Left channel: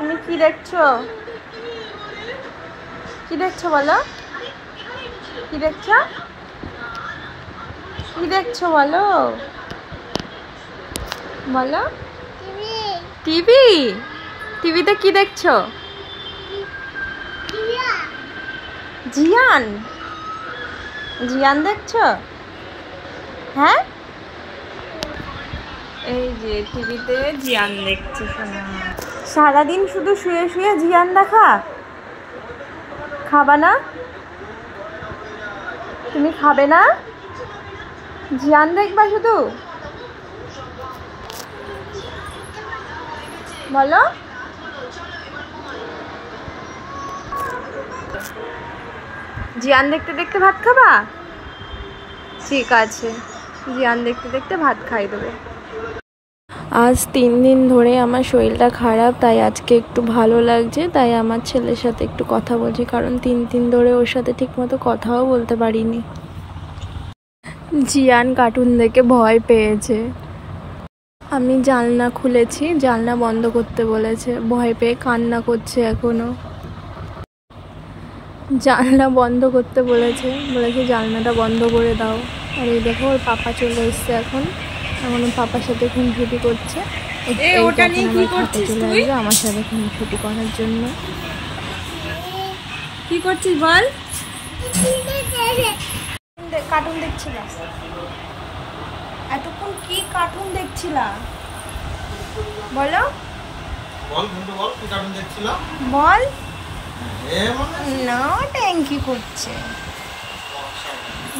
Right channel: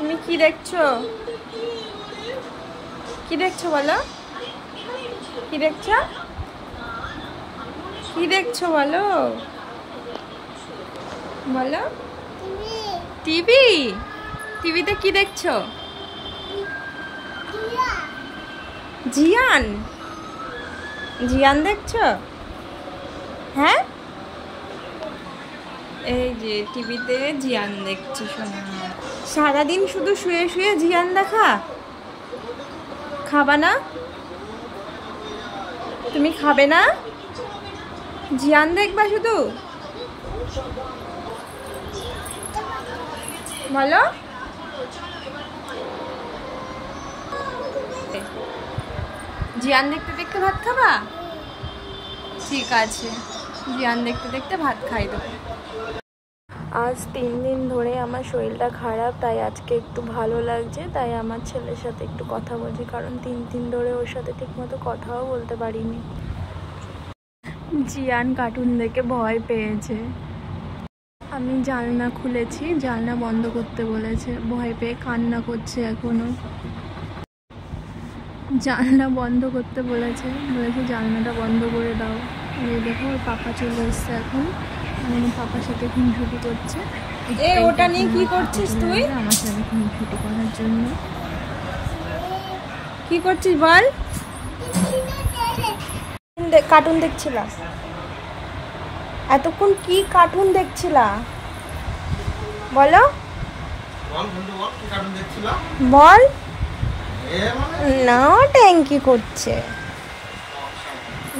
তুমি কি দেখছো? কি দেখছো বলো? কি দেখছো? কি দেখছো বলো? বলো। টিভি। টিভিতে কি দেখছো? জিয়ান। জিয়ান দেখছো? হ্যাঁ, এই যে টিভিতে জিয়ান দেখছি শোনা। সারাদিন শুধু শুয়ে শুয়ে জিয়ান দেখা? খাবা না? তুমি খাবে না? জিয়ান দেখবা শুধু? বলো। জিয়ান দেখতে দেখতে ভাত খাবা? ঠিক আছে, জিয়ান দেখতে দেখতে ভাত খাই দেবো। আজ 3 দিন ধরে আমার শরীরটা খারাপ, তাই আজকে একটু ভালো লাগছে, তাই আমার ছেলের সাথে একটু কথা বলছি, কারণ 3 দিন ধরে ওর সাথে ঠিকমতো কথাও বলতে পারিনি। জিয়ান কার্টুন দেখে ভয় পেয়েছে। আমি জানলা খুলেছি, জানলা বন্ধ করতে বলেছে, ভয় পেয়ে কান্না করছে এখনো। জানলা বন্ধ করতে বলেছে জানলাটা বন্ধ করে দাও। আর এই দেখো ওর পাপা চলে এসছে এখন ওর পাপার সাথে খুনসুটি করছে। ওটা নিয়ে কি করছিস তুই? আমার সাথে খুনসুটি করার জন্য। কি করছিস বল? কার্টুন দেখছিলাম। এতক্ষণ কি কার্টুন দেখছিলা বলো? বল না, ট্যাঙ্কি করছে,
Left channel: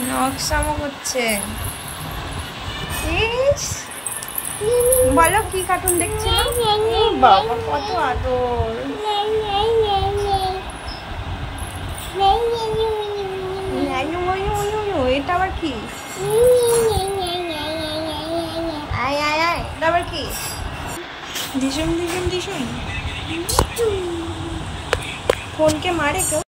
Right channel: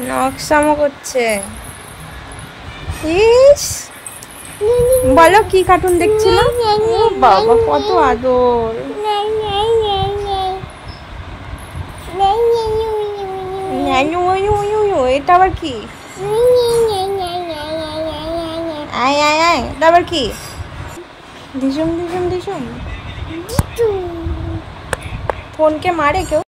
নকশামো করছে। ইস, বলো কি কার্টুন দেখছিল? বাবা কত আদর। এটা আবার কি? আয় আয় আয়, এটা আবার কি? দিশুম দিশুম দিশুম। ফোনকে মারে কেউ?